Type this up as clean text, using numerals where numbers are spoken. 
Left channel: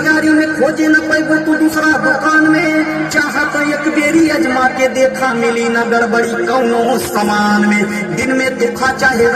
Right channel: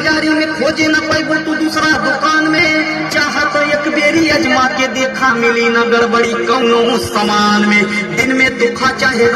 बाजारी में खोजे न पैबो तू दूसरा दुकान में, चाहत एक बेरी अजमा के देखा मिली न गड़बड़ी कौनो सामान में। दिन में तू खा चाहे